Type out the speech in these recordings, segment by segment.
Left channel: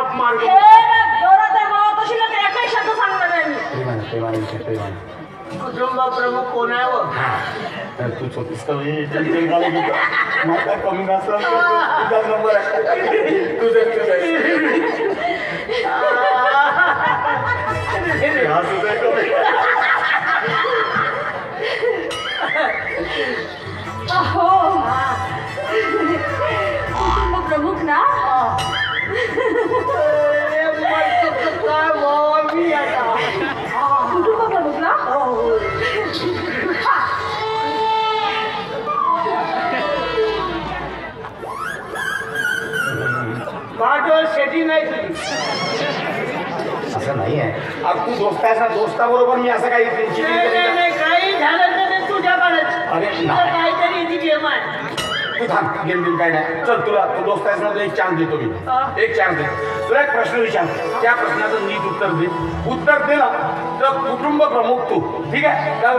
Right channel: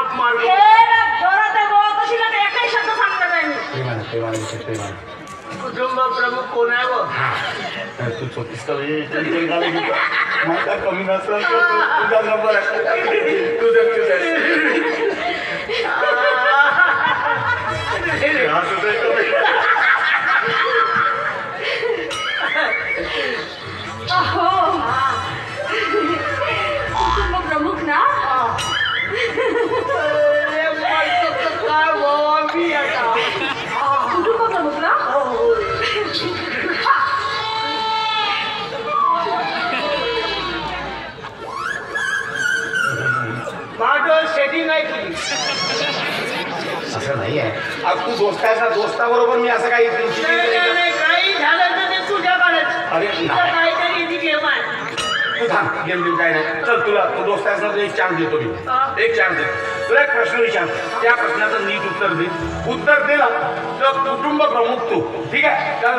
थाप मार कुटुंब प्रमुख कोण आहे व तू छोटीस कमी तुझा नंबर कुटुंब प्रमुख ना कुटुंब प्रमुख ना शेती नाही केली असं नाही आहे. अब तू दोस्ताचा दोस्ताबरोबर मी असं काही काही झालं तर ते तुझ्या काढत अरे काहीतरी ती गेम आहे. तू थांब गेम बिम काय नाही. चल तुला तू दोस्ताचा एक चान्स देतो मी. एक चान्स दे. तुला एक प्रश्न विचारतो. त्या प्रश्नाचं नीट उत्तर दे. उत्तर दिला तर कुटुंब प्रमुख तू. ठीक आहे काय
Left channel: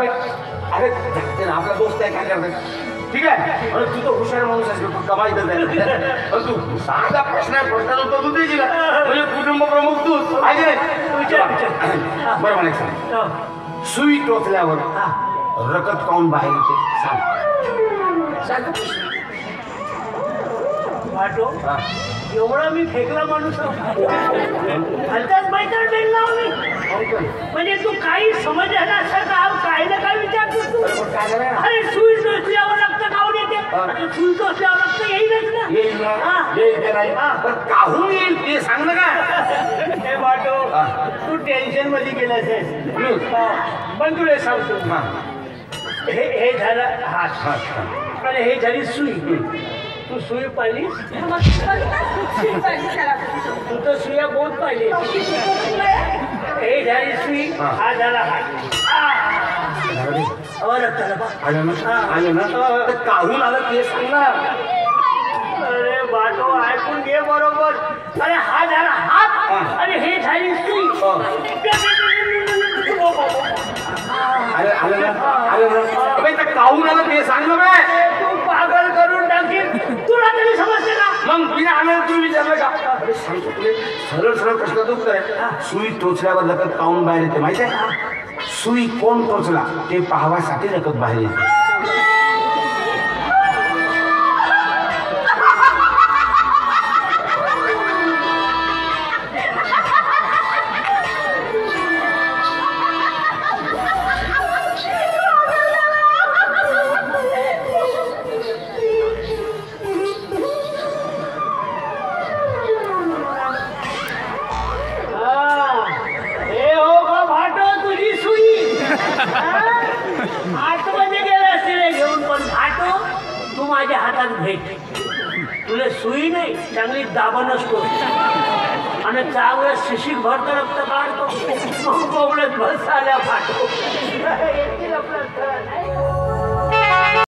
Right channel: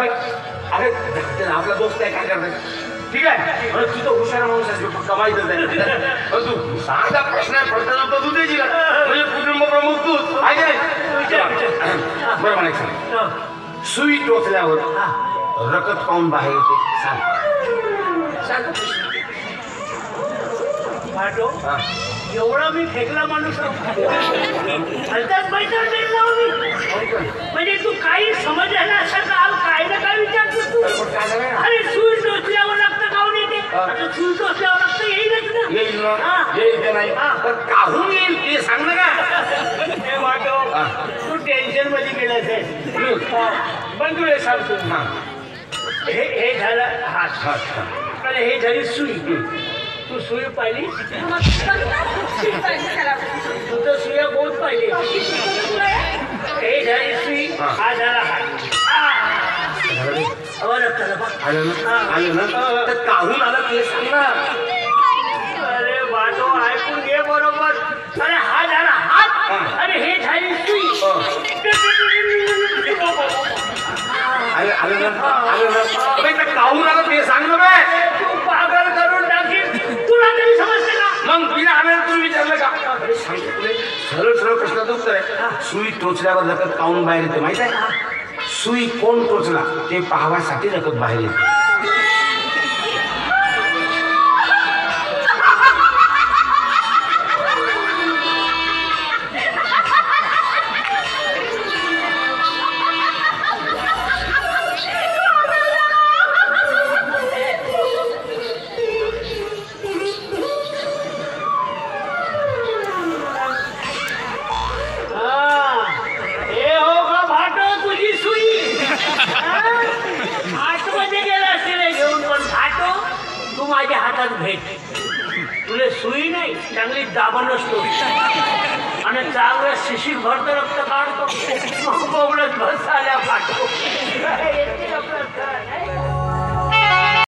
अरे आपला दोस्त आहे काय करतात ठीक आहे. तू तर हुशार माणूस आहेस कमाईचं आहे. तू साधा प्रश्न आहे प्रश्नाला तर तू देशील म्हणजे कुटुंब प्रमुख तू आहे बरं म्हणायचं. सुई टोचल्यावर रकत पाहून बाहेर येते सांग. एवढा मी फेकला माणूस हलकाच मैदान फेकला म्हणजे तू काही समज आहे ना असं काय ना काय विचारतो तू. अरे सुई टोचल्यावर रक्त खाऊन येते. सुई टोचल्यावर रक्त येईलच ना. येईल नाही तर काहून येईल ते सांग ना का. हे वाटो तू टेन्शन मध्ये गेलाय पण तुला सांगतो हे झालं हात आणि हे झाली सुई. तू सुई पाहिली तू तर सुया बहुत पाहिली. हे झाली सुई हा झाला आलं ना तर काहून आलं ते सांग ना. अरे बाजू ऐकून घे बरोबर. अरे हा झाला हात आणि हे झाली सुई. अरे आलं ना काहून आलं ते सांग ना बाय. तू पागल करून टाकील तुला तरी समजते का. मग बिना आम्हाला तुम्ही विचारलं का. अरे सांगतो तुला सरळ सरळ प्रश्नाचं उत्तर आहे. सुई टोचल्यावर रकत काहून बाहेर येते माहित आहे. सुई कोण टोचला ते पाहण्यासाठी रकत बाहेर येते. माझ्या हातात भेट. तुला सुई नाही चांगली दाबण असतो आणि चांगलं शिशिक भरतो रक्त काढतो. मग बोबडत बस आल्या पाठव.